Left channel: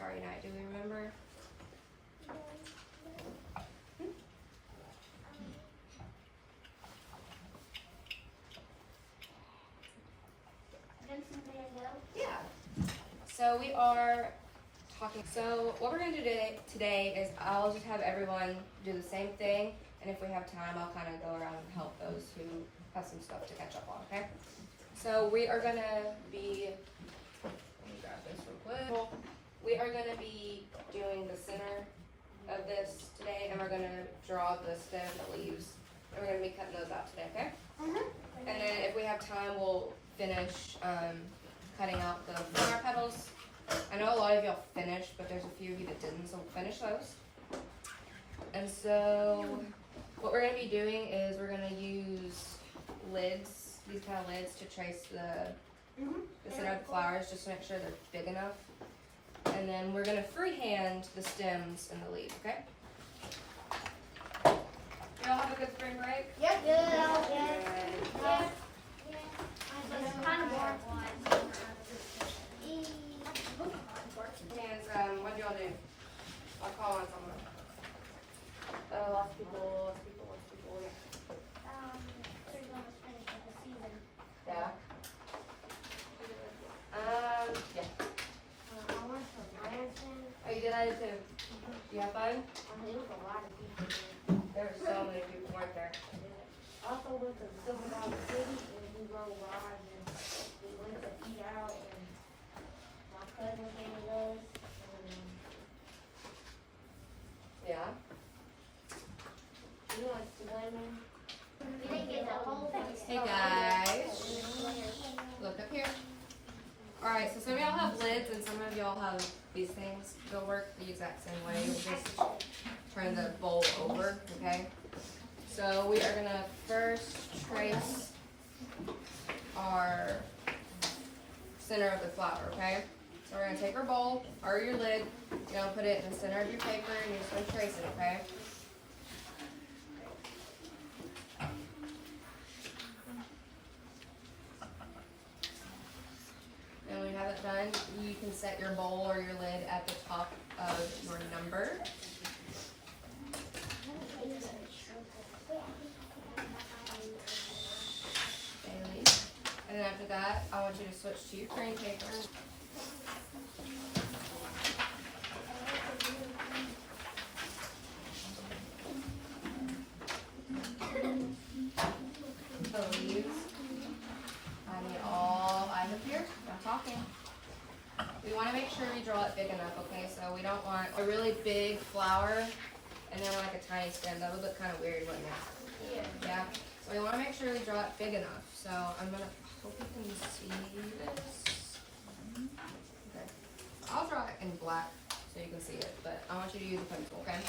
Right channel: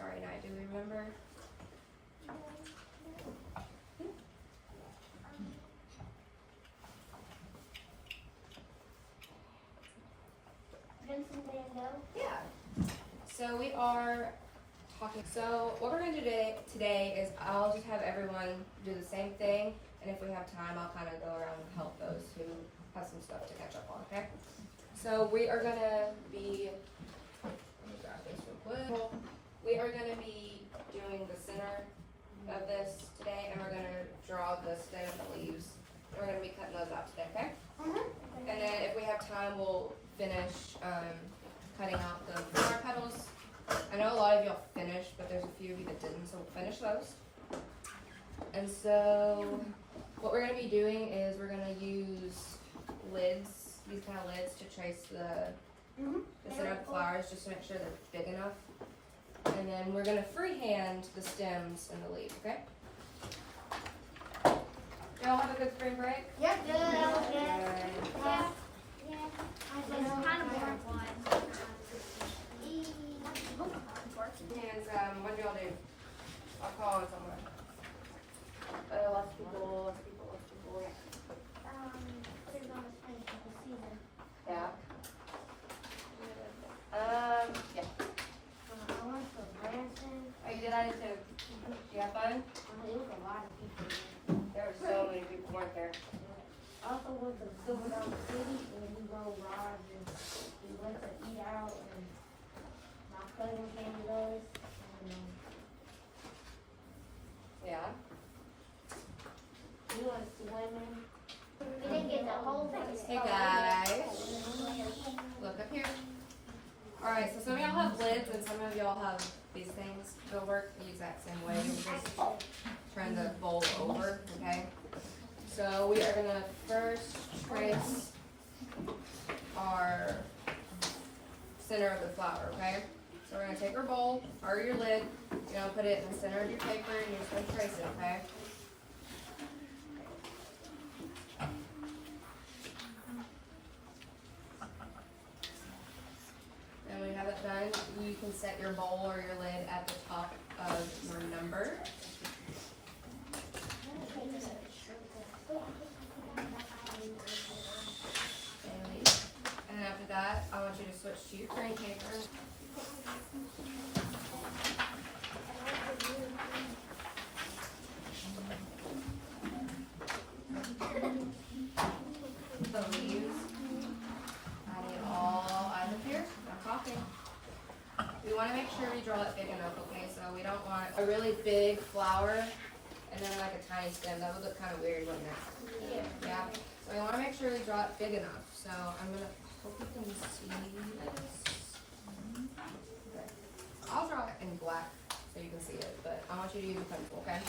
Starry Night? Do we remember? Vincent Van Gogh? Yeah. So we are talking. So what we're going to do today is I'll just have everyone do the same thing, and if we have time, I'll kind of go around and help those who have some stuff to catch up on. Okay. So we are going to be. Let me grab this real quick. We are going to be doing the center of this today, and we're going to draw the stem and the leaves. And we're going to be cutting those out today. Okay. And then if we have time, we'll finish cutting out the flower petals. I know a lot of y'all finished, but there's a few of you that didn't, so we'll finish those. And so what we're going to be doing is we're going to use lids, these kind of lids, to trace the center of the flowers, just to make sure they're big enough. And then we're going to freehand the stems and the leaves, okay? Y'all have a good spring break? Yeah. It's kind of boring one. And what do y'all do? I'll call on someone. Lots of people. They're going to finish with the season. Yeah. Yeah. I went to Branson. Oh, you did? I did too. You have fun? There was a lot of people there. There were so many people, weren't there? I also went to Silver Valley City and we rode rides and we went to eat out and my cousin came with us and Yeah. we went swimming. We didn't get the whole thing. Hey guys, look up here. Alright, so some of y'all have lids and some of y'all have these things. They'll work the exact same way. You'll just turn the bowl over, okay? So we are gonna first trace our center of the flower, okay? So we're gonna take our bowl or your lid, you're gonna put it in the center of your paper and you're just gonna trace it, okay? And when you have it done, you can set your bowl or your lid at the top of your number. And then after that, I want you to switch to your cream paper. The leaves. I need all eyes up here. I'm talking. We want to make sure we draw it big enough, okay? So we don't want a really big flower and then like a tiny stem. That would look kind of weird, wouldn't it? Yeah. So we want to make sure we draw it big enough. So I'm gonna hope you can see this. Okay. I'll draw it in black so you can see it, but I want you to use a pencil, okay?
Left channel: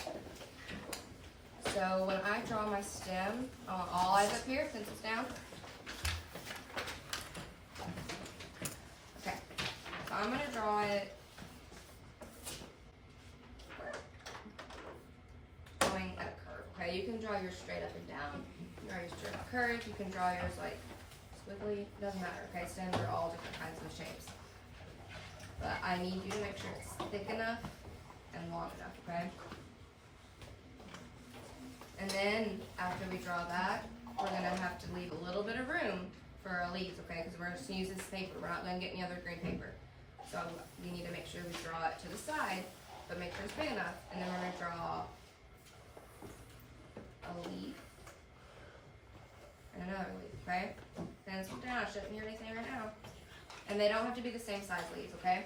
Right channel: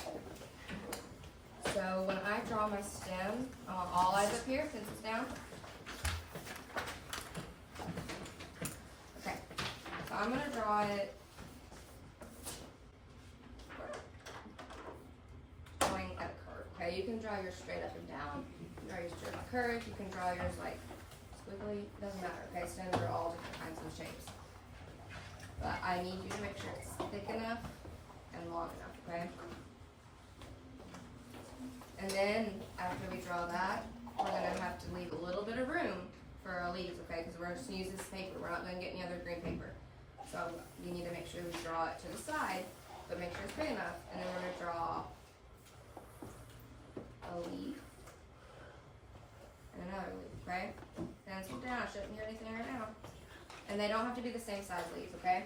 So when I draw my stem, I want all eyes up here since it's down. Okay. So I'm gonna draw it going at a curve. Okay, you can draw yours straight up and down. You can draw yours straight up curve. You can draw yours like squiggly. Doesn't matter. Okay, stems are all different kinds of shapes. But I need you to make sure it's thick enough and long enough. Okay. And then after we draw that, we're gonna have to leave a little bit of room for our leaves. Okay, because we're just gonna use this paper. We're not gonna get any other green paper. So you need to make sure we draw it to the side, but make sure it's big enough. And then we're gonna draw a leaf and another leaf, okay? Then sit down, I shouldn't hear anything right now. And they don't have to be the same size leaves, okay?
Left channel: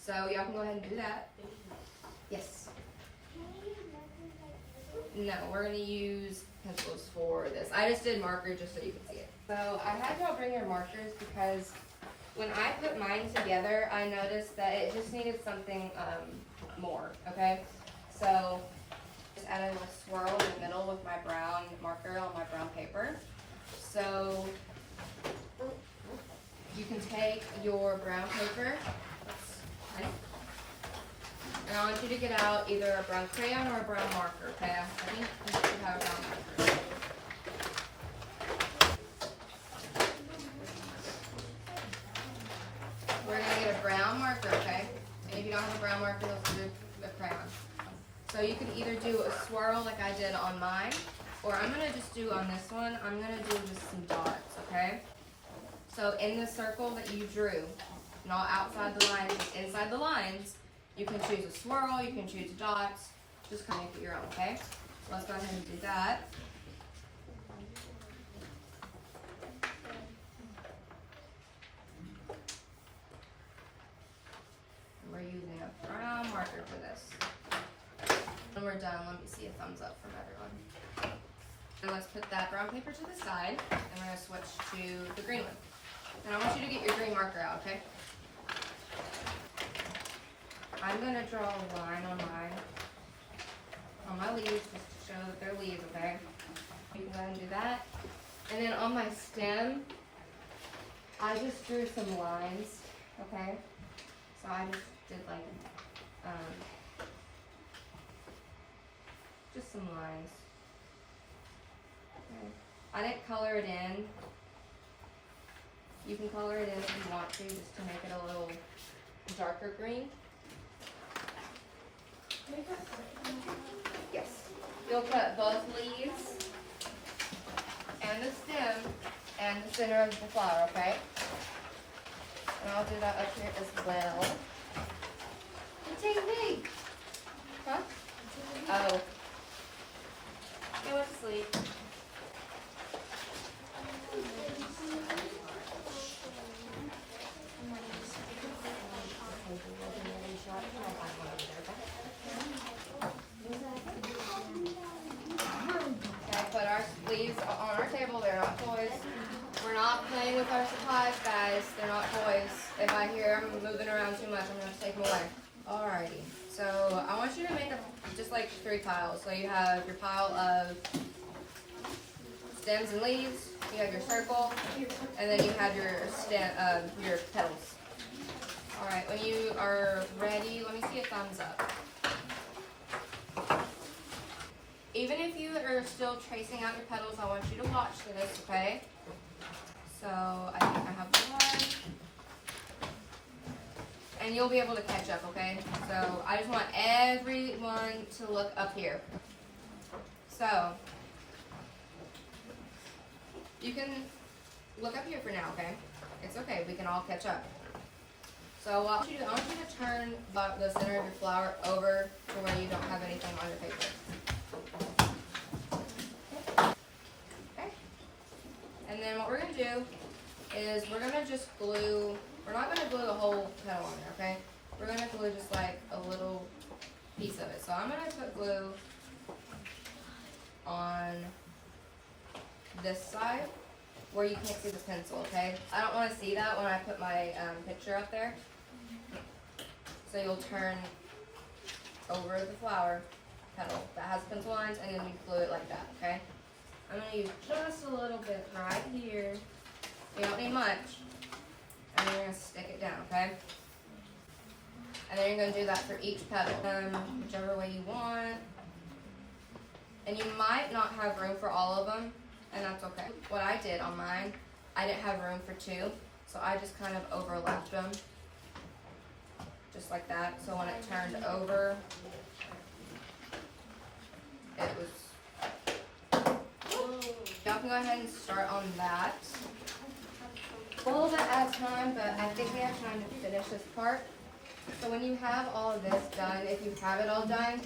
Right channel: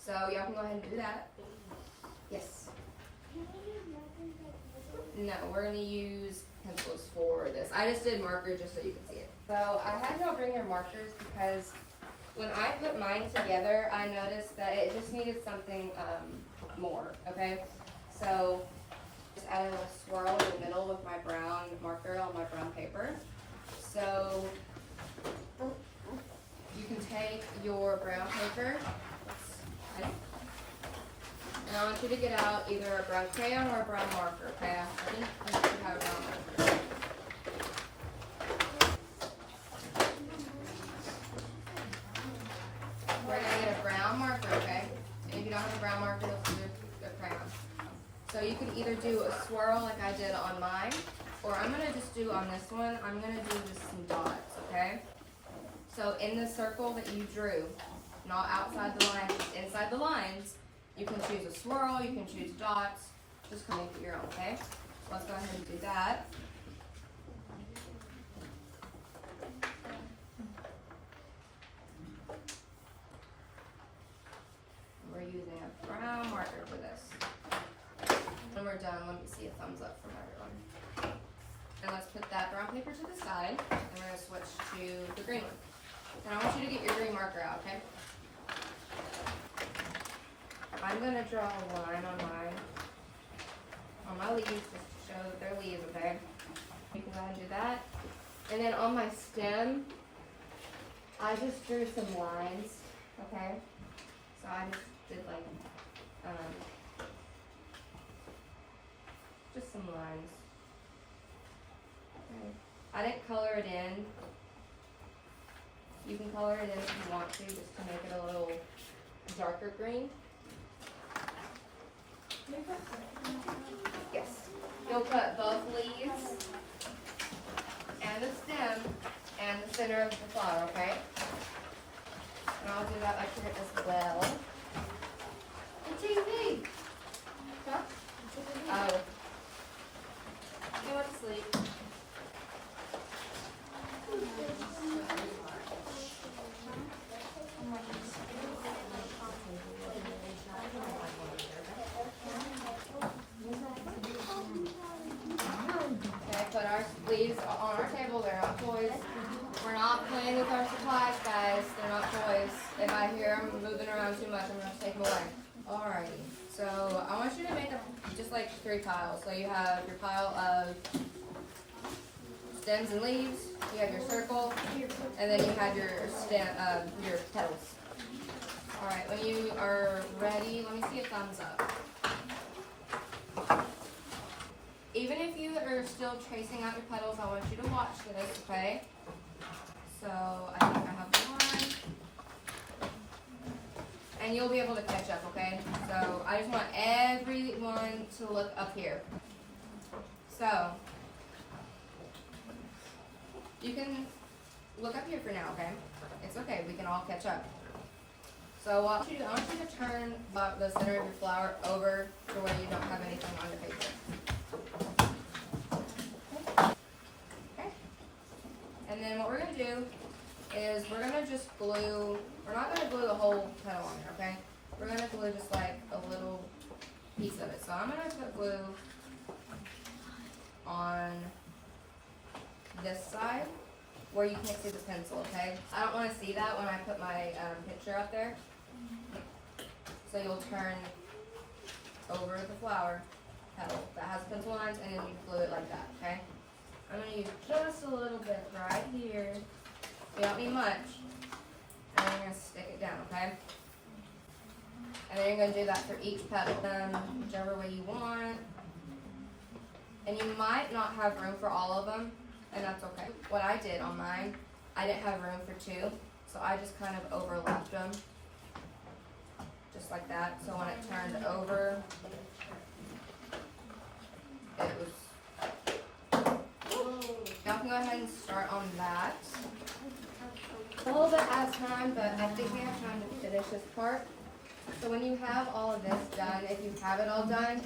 So y'all can go ahead and do that. Yes. No, we're gonna use pencils for this. I just did marker just so you can see it. So I had y'all bring your markers because when I put mine together, I noticed that it just needed something more, okay? So just add a little swirl in the middle with my brown marker on my brown paper. So you can take your brown paper, and I want you to get out either a brown crayon or a brown marker, okay? I think you should have a brown marker. We're gonna get a brown marker, okay? And if you don't don't have a brown marker, you'll do a crayon. So you can either do a swirl like I did on mine, or I'm gonna just do on this one, I'm gonna do just some dots, okay? So in the circle that you drew, not outside the lines, just inside the lines, you can choose a swirl, you can choose dots, just kind of make it your own, okay? So let's go ahead and do that. We're using a brown marker for this. When we're done, let me see a thumbs up from everyone. And let's put that brown paper to the side, and we're gonna switch to the green one. And I want you to get your green marker out, okay? I'm gonna draw a line on my leaves, just to show that they're leaves, okay? You can go ahead and do that. And then on my stem, I just drew some lines, okay? So I just did like, just some lines. Okay. I didn't color it in. You can color it in if you want to, just to make it a little darker green. Yes. You'll cut both leaves and the stem and the center of the flower, okay? And I'll do that up here as well. The TV. Huh? Oh. He went to sleep. Okay, put our leaves on our table. They're not toys. We're not playing with our supplies, guys. They're not toys. If I hear them moving around too much, I'm going to take them away. Alrighty. So I want you to make just like 3 piles. So you have your pile of stems and leaves. You have your circle, and then you have your petals. Alright, when you are ready, let me see a thumbs up. Even if you are still tracing out your petals, I want you to watch this, okay? So I think I have one. And you'll be able to catch up, okay? So I just want everyone to look up here. So you can look up here for now, okay? It's okay, we can all catch up. So I want you to turn the center of your flower over to where you don't have anything on your paper. Okay. And then what we're going to do is we're going to just glue, we're not going to glue the whole petal on there, okay? We're going to glue just like a little piece of it. So I'm going to put glue on this side where you can't see the pencil, okay? I don't want to see that when I put my picture up there. So you'll turn over the flower petal that has pencil lines, and then you glue it like that, okay? I'm going to use just a little bit right here. You don't need much. And then you're going to stick it down, okay? And then you're going to do that for each petal, whichever way you want. And you might not have room for all of them, and that's okay. What I did on mine, I didn't have room for 2, so I just kind of overlapped them. Just like that. So when it turned over, it was... Y'all can go ahead and start on that. A little bit at a time, but I think we have time to finish this part. So when you have all of this done, if you have it all done,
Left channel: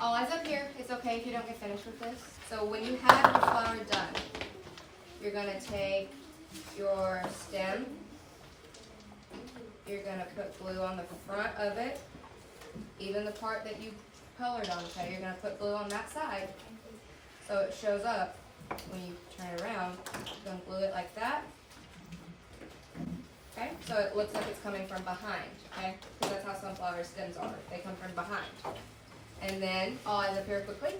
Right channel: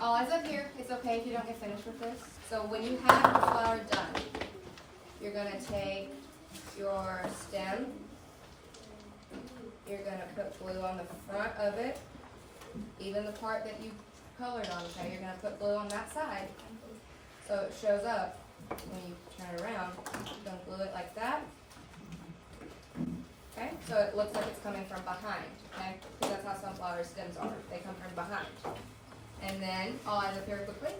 all eyes up here. It's okay if you don't get finished with this. So when you have your flower done, you're going to take your stem. You're going to put glue on the front of it, even the part that you colored on, okay? You're going to put glue on that side so it shows up when you turn it around. You're going to glue it like that, okay? So it looks like it's coming from behind, okay? Because that's how sunflower stems are. They come from behind. And then, all eyes up here quickly,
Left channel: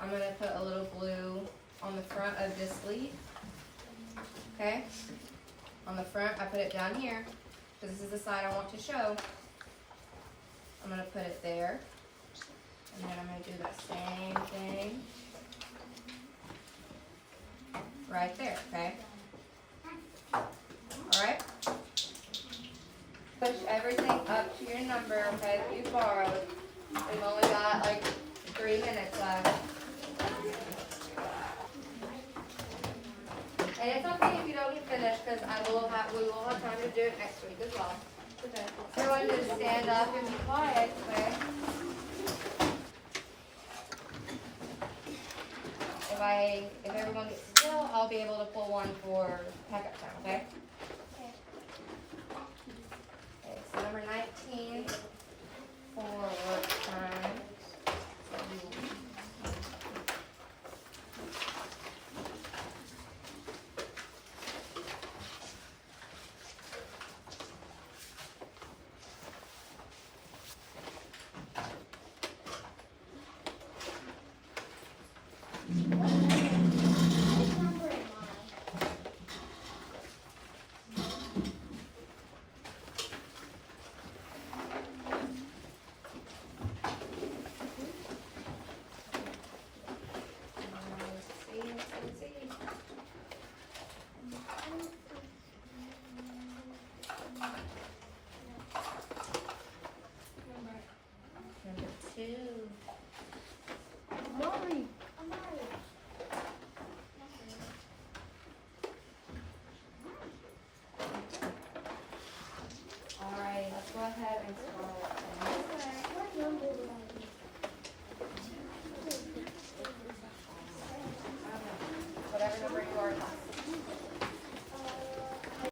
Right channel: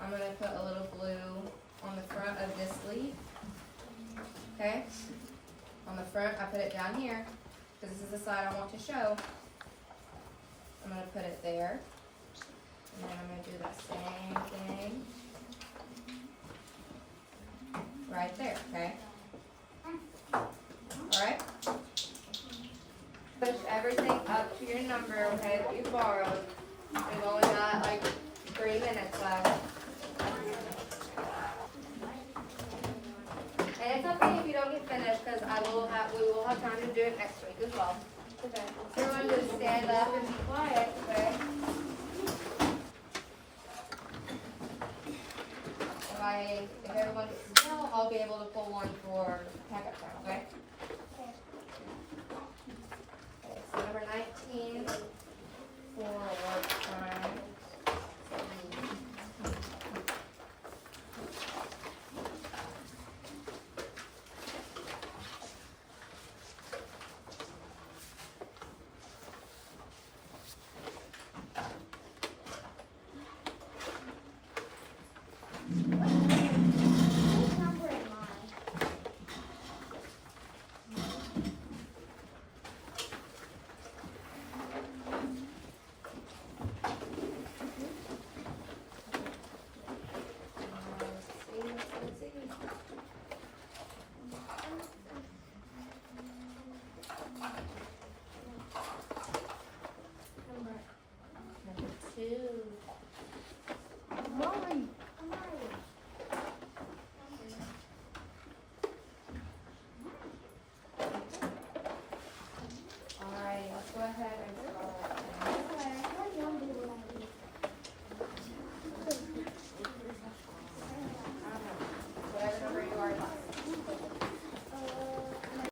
I'm going to put a little glue on the front of this leaf, okay? On the front, I put it down here, because this is the side I want to show. I'm going to put it there, and then I'm going to do that same thing right there, okay? Alright? push everything up to your number, okay, that you borrowed. We've only got like 3 minutes left. And it's okay if you don't get finished, because we will have time to do it next week as well. Okay. So everyone just stand up and be quiet, okay? If everyone gets still, I'll be able to pull one for packet time, okay? Okay, so number 19 for work time. Which number am I? Let's see. Number 2. Molly. Alright, let's go ahead and start.